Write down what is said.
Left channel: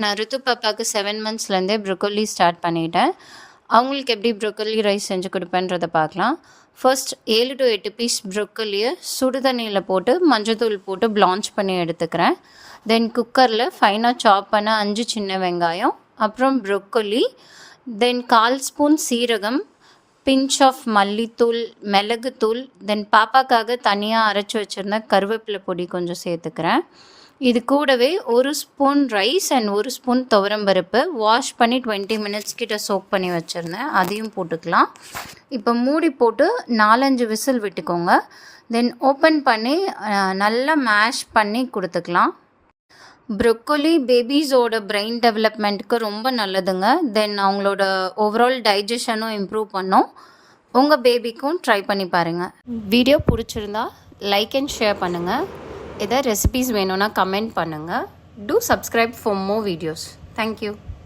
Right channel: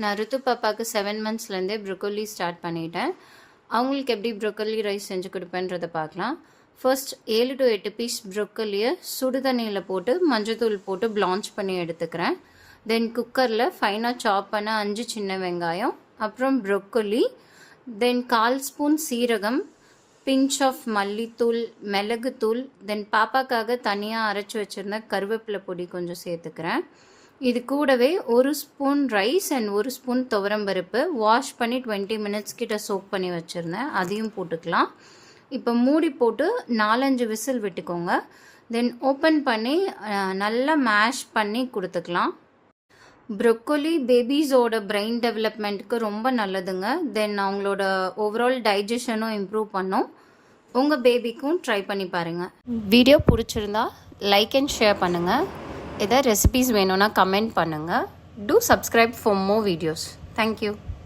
நான் ரித்து பாப்பாவுக்கு 7 மந்த்ஸ்லேருந்தே broccoli start பண்ணிட்டேன். அவங்களுக்கு எப்படி ப்ரொக்கோலி ரைஸ் செஞ்சு கொடுப்பேன்றதை பார்க்கலாம். ஃபர்ஸ்ட் 7 to 8 பீஸ் ப்ரொக்கோலியை சுடு தண்ணியில் போட்டு மஞ்சத்தூள் போட்டு பிளான்ச் பண்ணி எடுத்துக்கிறேன். தென் குக்கரில் ஃபைனாக சாப் பண்ண 5 சின்ன வெங்காயம், அப்புறம் ப்ரொக்கோலி, தென் 1/4 ஸ்பூன் சீரகம், பிஞ்ச் ஆஃப் மல்லித்தூள், மிளகுத்தூள், தென் பாப்பாக்காக தனியாக அரைச்சி வச்சுருந்த கருவேப்பிலை பொடி கொஞ்சம் சேர்த்துக்கிறேன். இது கூடவே 1 ஸ்பூன் ரைஸ் அண்ட் 1 ஸ்பூன் துவரம்பருப்பு வாஷ் பண்ணி 20 மினிட்ஸ் கிட்ட சோக் பண்ணி வச்சுருந்தேன், அதையும் போட்டுக்கலாம். இப்போ மூடி போட்டு 4-5 விசில் விட்டுக்கோங்க. தென் ஓப்பன் பண்ணி நல்லா மேஷ் பண்ணி கொடுத்துக்கலாம். ப்ரொக்கோலி பேபிஸோட பிரெயின் டெவலப்மெண்ட்டுக்கு ரொம்ப நல்லதுங்க. தென் அவங்களோட ஓவரால் டைஜஷனும் இம்ப்ரூவ் பண்ணும். உங்கள் பேபிக்கும் ட்ரை பண்ணி பாருங்கள். வீடியோ பிடிச்சிருந்தா லைக் அண்ட் ஷேர் பண்ணுங்கள். எதாவது ரெசிபீஸ் வேணும்னா கமெண்ட் பண்ணுங்கள். Two subscribe for more videos. Thank you.